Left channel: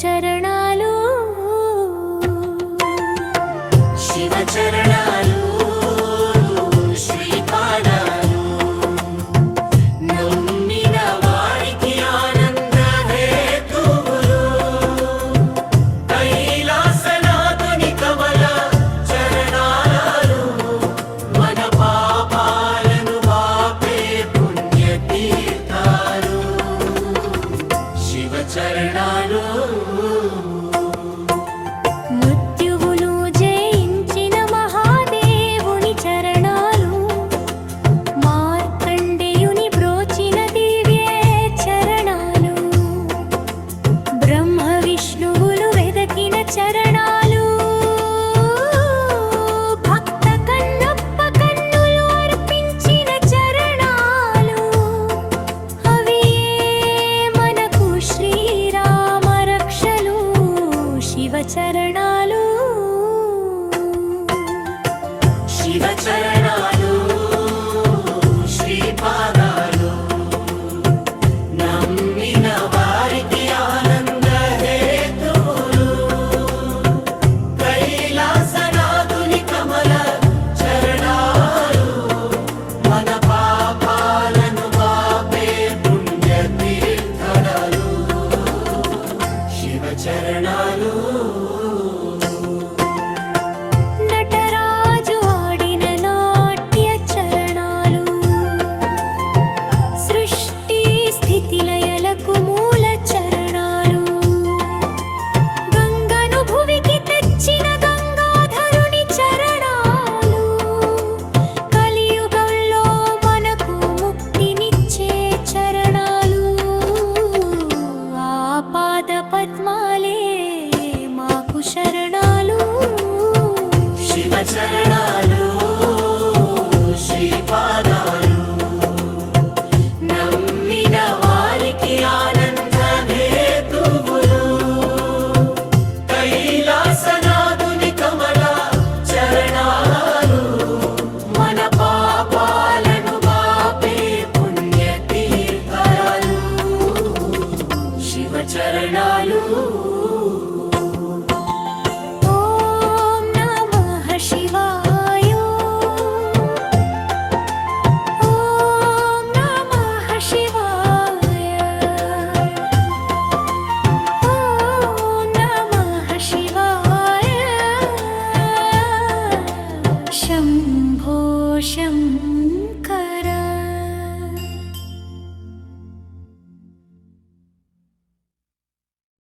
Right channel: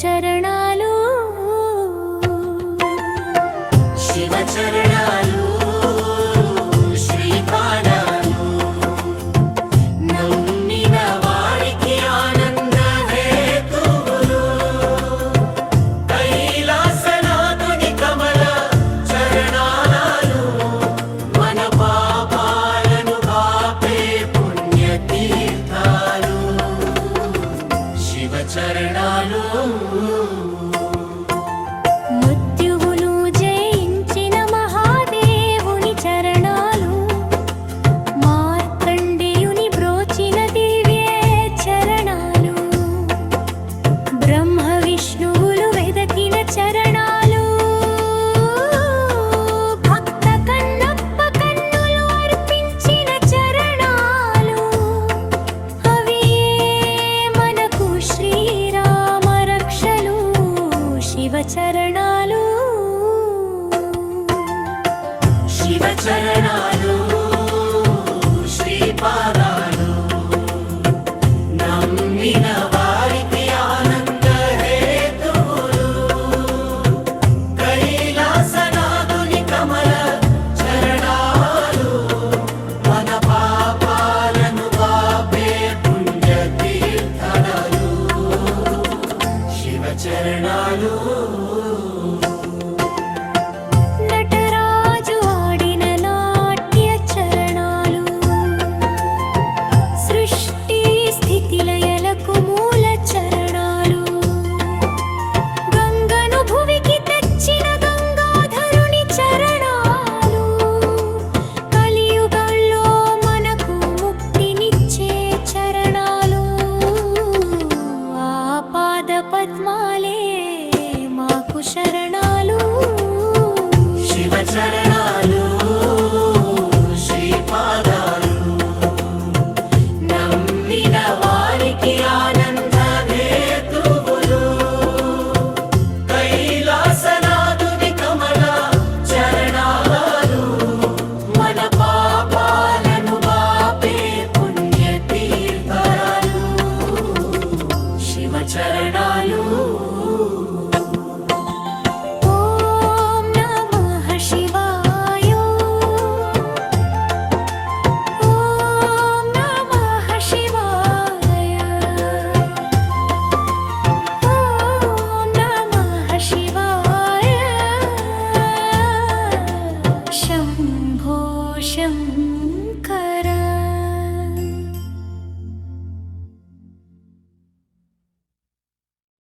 చరణాలు శివ చరణాలు శ్రీపాదాలు నమ్మిన వారికి ఆనంద హేతువులు కైలాసనాథుని కమల చరణాలు మన పాపాలను బాపే పుణ్యతీర్థాలు శివ చరణాలు మృత్యువును జయించిన మహాదేవుని చరణాలు మార్కండేయుని బ్రోచిన దివ్య చరణాలు బ్రహ్మ విష్ణువులు వెదకిన చరణాలు భక్త కన్నప్ప కన్నులు అర్పించిన చరణాలు అవి మనకు శ్రీరామ రక్షలు శివ చరణాలు శివ చరణాలు శ్రీపాదాలు నమ్మిన వారికి ఆనంద హేతువులు కైలాసనాథుని కమల చరణాలు మన పాపాలను బాపే పుణ్యతీర్థాలు శివ చరణాలు నటరాజు ఆడిన నాట్య చరణాలు సృష్టి స్థితి లయలకు మూల చరణాలు గంగను భువికి తెచ్చిన గంగాధరుని చరణాలు కలియుగంలో మనకు ముక్తినిచ్చే చరణాలు ఆ పాద పద్మాలే మాకు శరణాలు శివ చరణాలు శ్రీపాదాలు నమ్మిన వారికి ఆనంద హేతువులు కైలాసనాథుని కమల చరణాలు మన పాపాలను బాపే పుణ్యతీర్థాలు శివ చరణాలు ఓం నమః శివాయ ఓం నమః శివాయ ఓం నమః శివాయ శంభో శంభో